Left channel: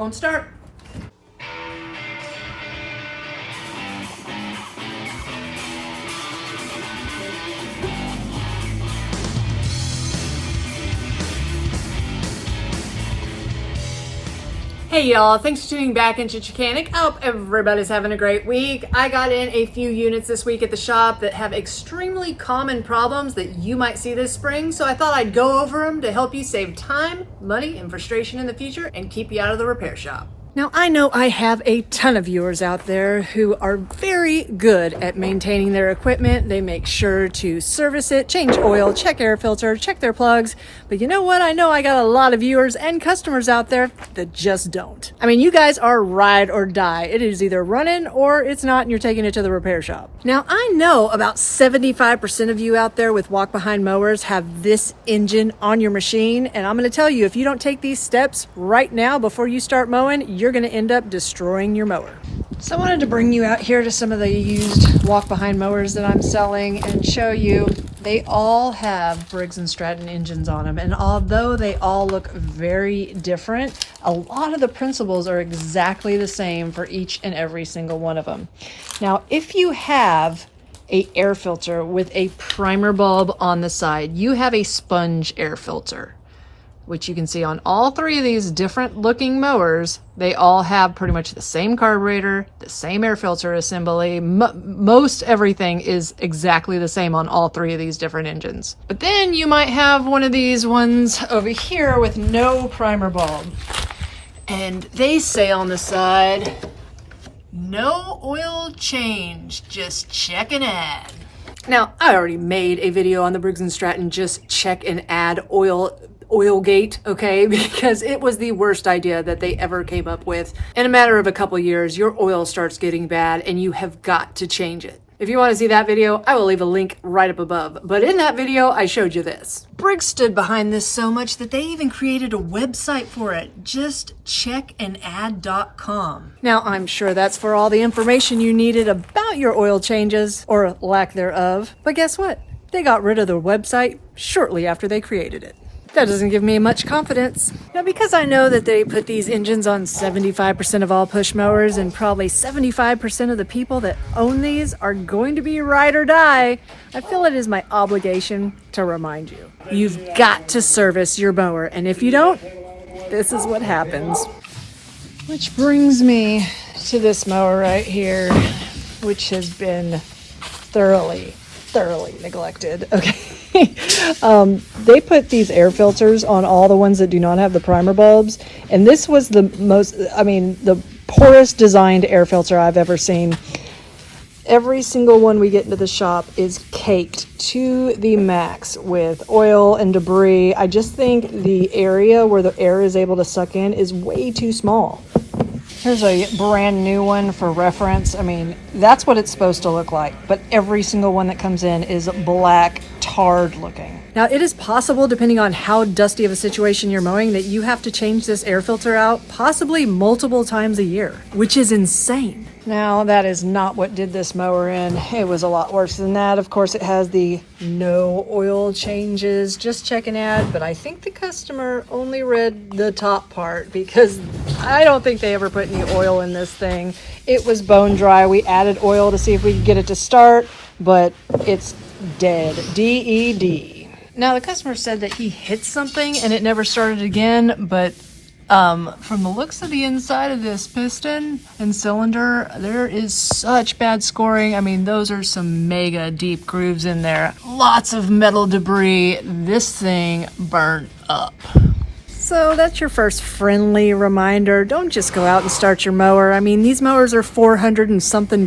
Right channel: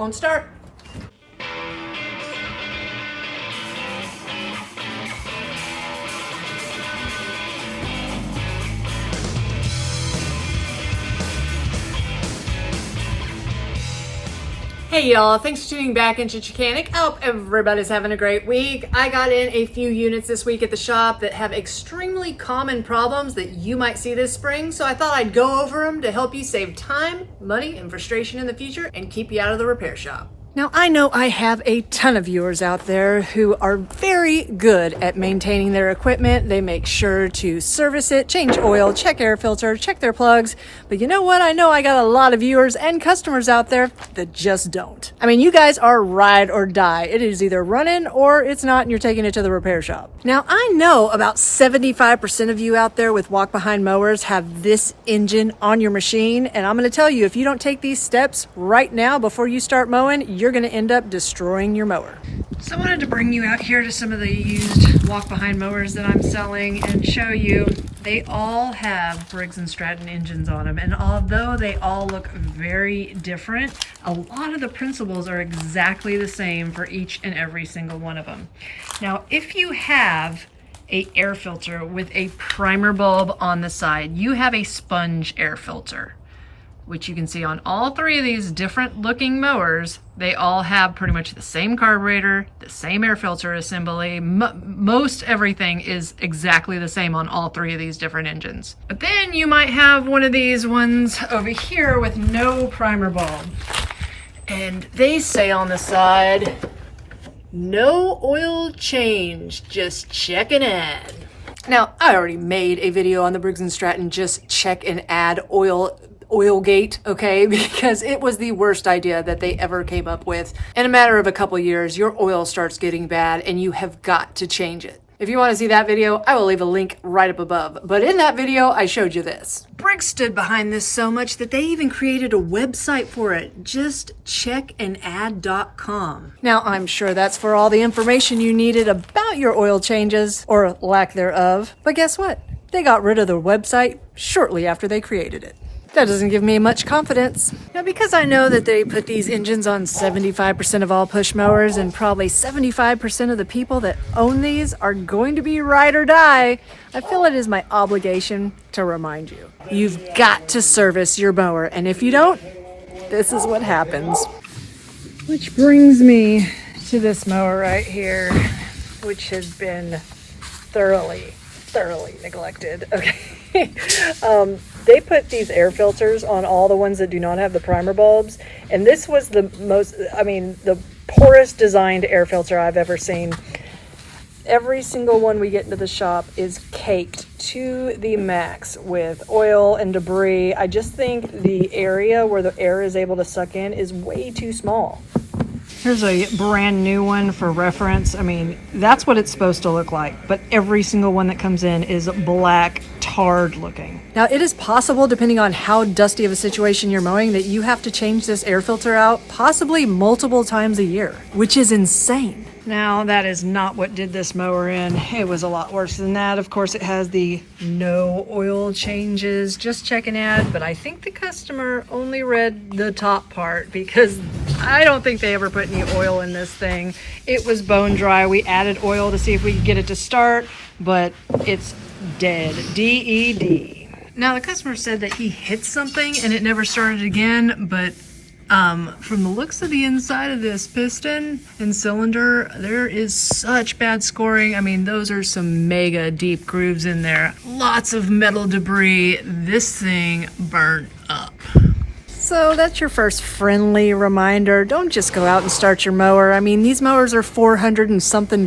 won't start. Hey y'all, thanks for tuning back into Chickanic. I hope everybody's having a great week. I got in a few units this week at the shop that have extremely common problems that you might see this spring, so I thought I'd go over them to help you save time, money, and frustration in the future and keep you out of the repair shop. Now, I know I have a ton of viewers out there who are very good at maintaining their equipment. They make sure to service it, change oil, check air filter, check their plugs. But you know what? I know I got a lot of viewers and customers out there that just don't. I mean, you guys are ride or die. It is either running or it's not and you're taking it to the repair shop. Now, I know about 75% of you out there with walk-behind mowers have this engine on your machine. And I'm going to tell you, if you don't take these steps right now before you start mowing, you're going to end up destroying your mower. So I wanted to bring you out here to some of the used walk-behind mowers that I'm selling and show you they all have Briggs and Stratton engines on them. And although they all look very different, a lot of the principles are exactly the same for each and every single one of them. Now, if you have an air filter with a primer bulb on the side, you have a sponge air filter, which you can see on all three of these different looking mowers. They all have pretty much the same carburetor, the same air filter assembly. Most everything is exactly the same on all three of these different engines. But then you might have one of these ones over here with no primer bulb. And they say on the side, no oil change, just check and add. Now, I already made a video on the Briggs and Stratton just check and add oil gate, okay, because it was the worst idea that they ever came up with. In a matter of a couple years, your oil starts getting bad and you have got to change it. If you want to see that video, I will leave a link right up above. But in that video, I showed you this. Briggs stood behind this so much that they even created a website for it, just checkandadd.com. Now, I'm sure that's for all the information you needed about your oil changes, or lack thereof. But guess what? They got rid of the website shortly after they created it. That doesn't give me much confidence. Now, because I know that they put these engines on 75% of all push mowers and probably 75% of the people that own these are going to be ride or die, I feel it is my obligation to remind you. You've got to service your mower, and if you don't, this is what happens. Which brings me to this mower right here, which has been thoroughly neglected. Okay. They put these air filters on all the ones that do not have the primer bulbs, and this was the poorest designed air filter I've ever seen. Every single one we get into the shop is caked to the max with oil and debris. I just think the area where the air is able to suck in is way too small. Here's a brand new one for reference. I mean, that's what it's supposed to look like, but every single one that comes in is black, tarred looking. Now, it is possible, depending on how dusty of a situation you're mowing, that you have to change this air filter out possibly multiple times a year, which is insane. Now, that is not what did this mower in. It was a lot worse than that. Of course, it has the no oil changes, just check and add, but I think the customer only read the top part because I don't think they ever put any oil in this thing. It was bone dry. We added oil to see if we could get it to start, but it's dead. D-E-D. Now, the customer said that he hit something and it never started again, but from the looks of the inside of this piston and cylinder, there is such bad scoring. I mean, those are some mega deep grooves in there. Lots of metal debris. This thing burnt up. So that's your first friendly reminder. Don't just go out and start your mower. I mean, these mowers are $400 and something.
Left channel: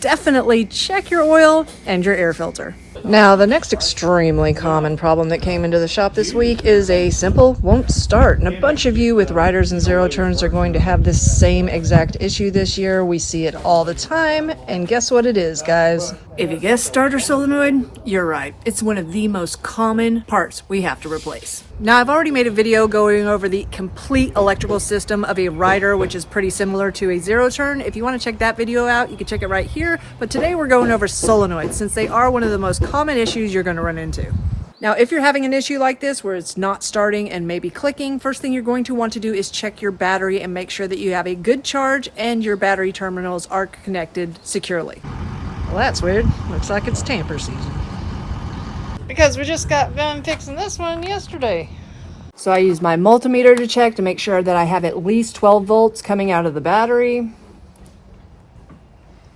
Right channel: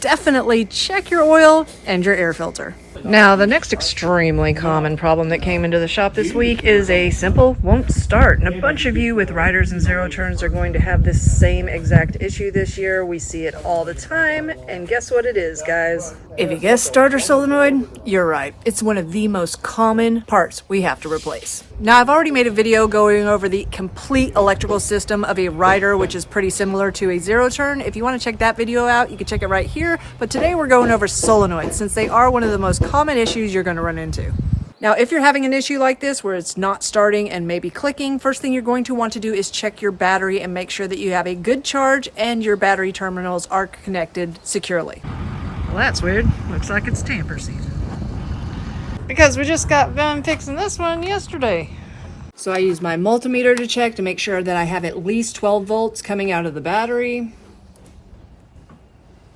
Definitely check your oil and your air filter. Now, the next extremely common problem that came into the shop this week is a simple won't start. And a bunch of you with riders and zero turns are going to have this same exact issue this year. We see it all the time. And guess what it is, guys? If you guessed starter solenoid, you're right. It's one of the most common parts we have to replace. Now, I've already made a video going over the complete electrical system of a rider, which is pretty similar to a zero turn. If you want to check that video out, you can check it right here. But today we're going over solenoids, since they are one of the most common issues you're going to run into. Now, if you're having an issue like this where it's not starting and maybe clicking, first thing you're going to want to do is check your battery and make sure that you have a good charge and your battery terminals are connected securely. Well, that's weird. Looks like it's tamper season. Because we just got done fixing this one yesterday. So I use my multimeter to check to make sure that I have at least 12 volts coming out of the battery.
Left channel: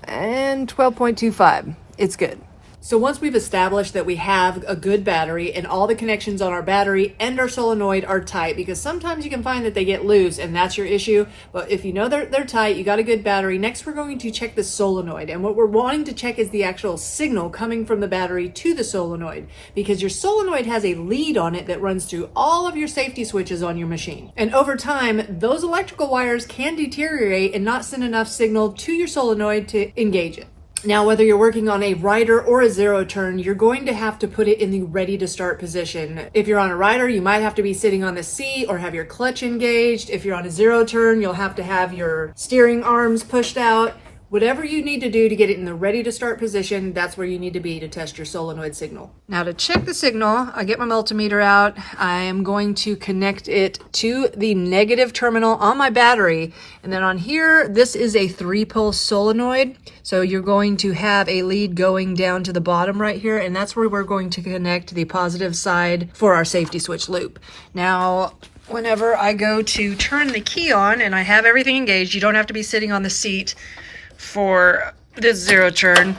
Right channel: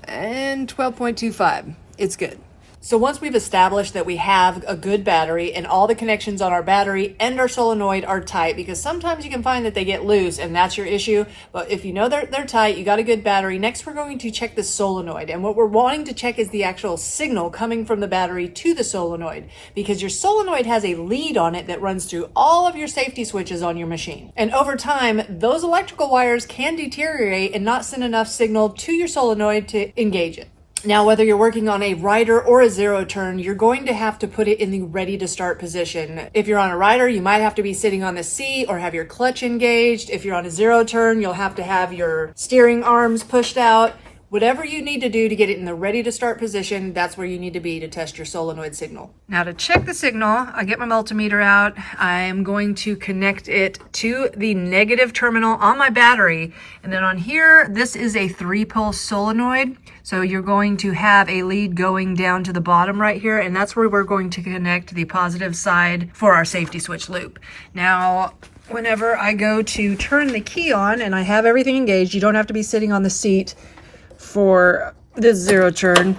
And 12.25. It's good. So once we've established that we have a good battery and all the connections on our battery and our solenoid are tight, because sometimes you can find that they get loose and that's your issue. But if you know they're tight, you got a good battery. Next, we're going to check the solenoid. And what we're wanting to check is the actual signal coming from the battery to the solenoid, because your solenoid has a lead on it that runs through all of your safety switches on your machine. And over time, those electrical wires can deteriorate and not send enough signal to your solenoid to engage it. Now, whether you're working on a rider or a zero turn, you're going to have to put it in the ready to start position. If you're on a rider, you might have to be sitting on the seat or have your clutch engaged. If you're on a zero turn, you'll have to have your steering arms pushed out. Whatever you need to do to get it in the ready to start position, that's where you need to be to test your solenoid signal. Now, to check the signal, I get my multimeter out. I am going to connect it to the negative terminal on my battery. And then on here, this is a 3-pulse solenoid. So you're going to have a lead going down to the bottom right here, and that's where we're going to connect the positive side for our safety switch loop. Now, whenever I go to turn the key on and I have everything engaged, you don't have to be sitting on the seat for this zero turn.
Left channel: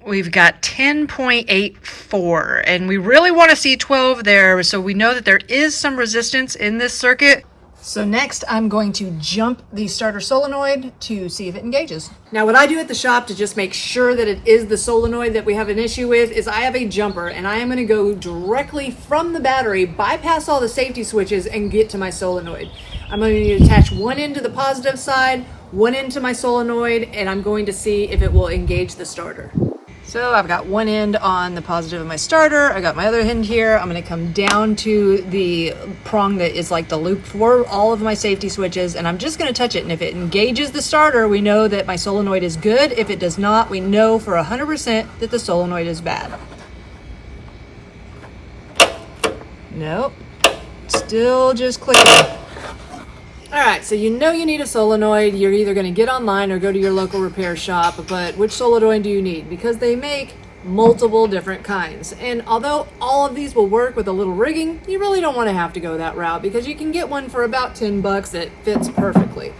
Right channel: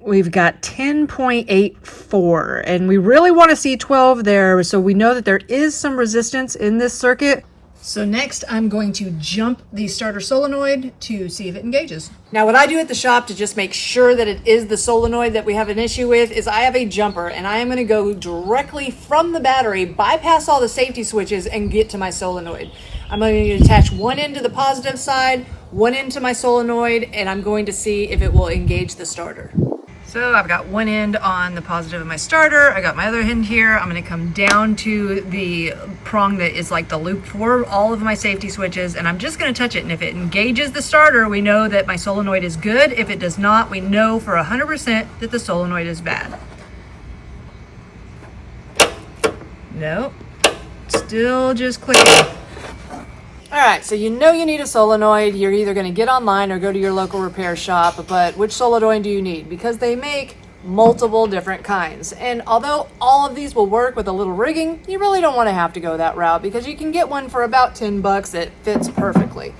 We've got 10.84 and we really want to see 12 there, so we know that there is some resistance in this circuit. So next I'm going to jump the starter solenoid to see if it engages. Now what I do at the shop to just make sure that it is the solenoid that we have an issue with is I have a jumper and I am going to go directly from the battery, bypass all the safety switches and get to my solenoid. I'm going to attach one end to the positive side, one end to my solenoid, and I'm going to see if it will engage the starter. So I've got one end on the positive of my starter. I got my other end here. I'm going to come down to the prong that is like the loop for all of my safety switches, and I'm just going to touch it. And if it engages the starter, we know that my solenoid is good. If it does not, we know for 100% that the solenoid is bad. Nope, still just clicking. All right, so you know you need a solenoid. You're either going to get online or go to your local repair shop, but which solenoid do you need? Because they make multiple different kinds. And although all of these will work with a little rigging, you really don't want to have to go that route because you can get one for about 10 bucks that fits perfectly.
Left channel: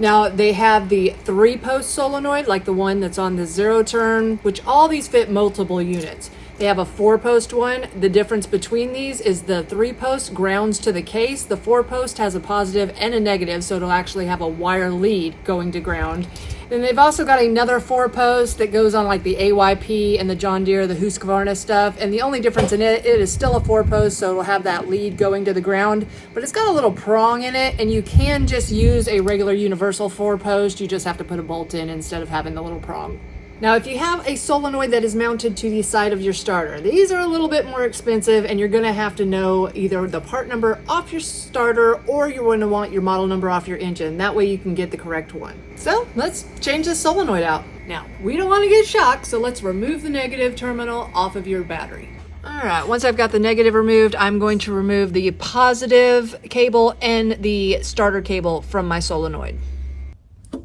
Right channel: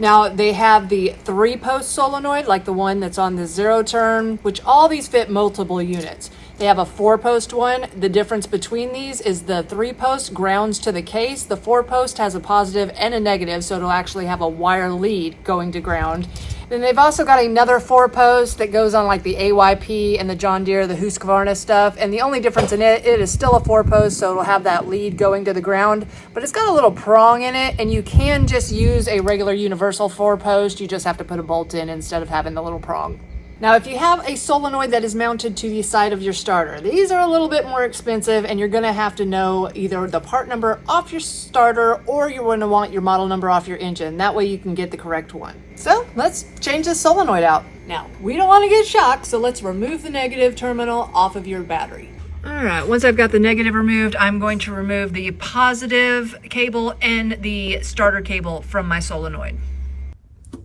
Now, they have the 3-post solenoid, like the one that's on the zero turn, which all these fit multiple units. They have a 4-post one. The difference between these is the 3-post grounds to the case. The 4-post has a positive and a negative, so it'll actually have a wire lead going to ground. Then they've also got another 4-post that goes on like the AYP and the John Deere, the Husqvarna stuff. And the only difference in it is still a 4-post, so it'll have that lead going to the ground. But it's got a little prong in it, and you can just use a regular universal 4-post. You just have to put a bolt in instead of having the little prong. Now, if you have a solenoid that is mounted to the side of your starter, these are a little bit more expensive and you're going to have to know either the part number off your starter or you're going to want your model number off your engine. That way you can get the correct one. So let's change this solenoid out. Now, we don't want to get shocked, so let's remove the negative terminal off of your battery. All right, once I've got the negative removed, I'm going to remove the positive cable and the starter cable from my solenoid.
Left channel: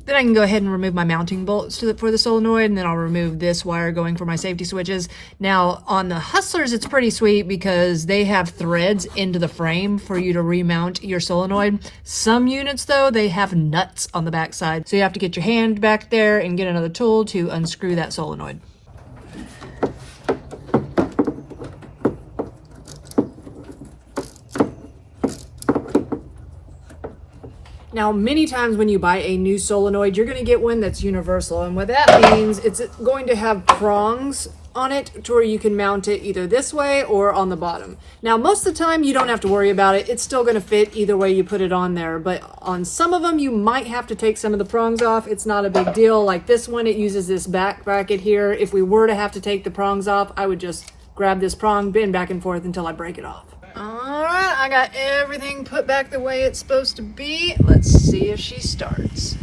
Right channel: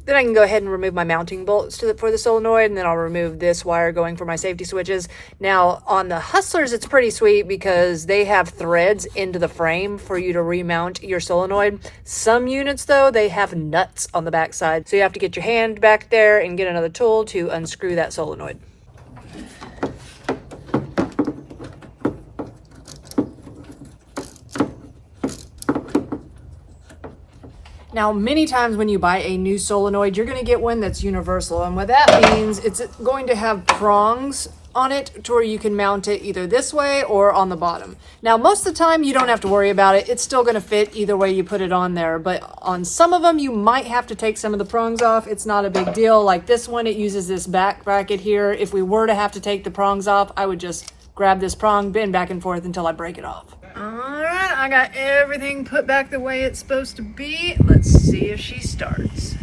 Then I can go ahead and remove my mounting bolts for the solenoid, and then I'll remove this wire going for my safety switches. Now, on the Hustlers, it's pretty sweet because they have threads into the frame for you to remount your solenoid. Some units, though, they have nuts on the back side, so you have to get your hand back there and get another tool to unscrew that solenoid. Now, many times when you buy a new solenoid, you're going to get one that's universal. And what that means, it's going to have prongs on it to where you can mount it either this way or on the bottom. Now, most of the time, you don't have to worry about it. It's still going to fit either way you put it on there. But on some of them, you might have to take some of the prongs off. It's not a big deal. Like this one, it uses this back bracket here. If we were to have to take the prongs off, I would just grab this prong, bend back and forth until I break it off. All right, I got everything put back the way it's supposed to be. Let's see if she starts.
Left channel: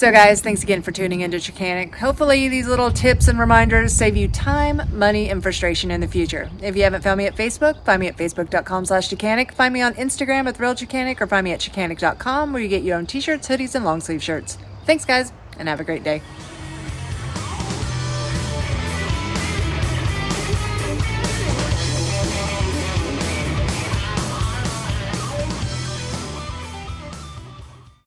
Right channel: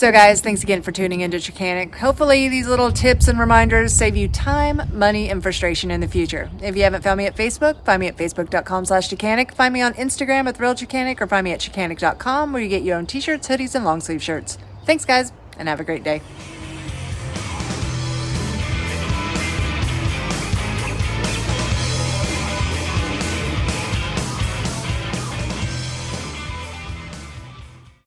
So guys, thanks again for tuning into Chickanic. Hopefully these little tips and reminders save you time, money, and frustration in the future. If you haven't found me at Facebook, find me at facebook.com/Chickanic. Find me on Instagram at ThrilledChickanic, or find me at Chickanic.com, where you get your own t-shirts, hoodies, and long sleeve shirts. Thanks guys, and have a great day.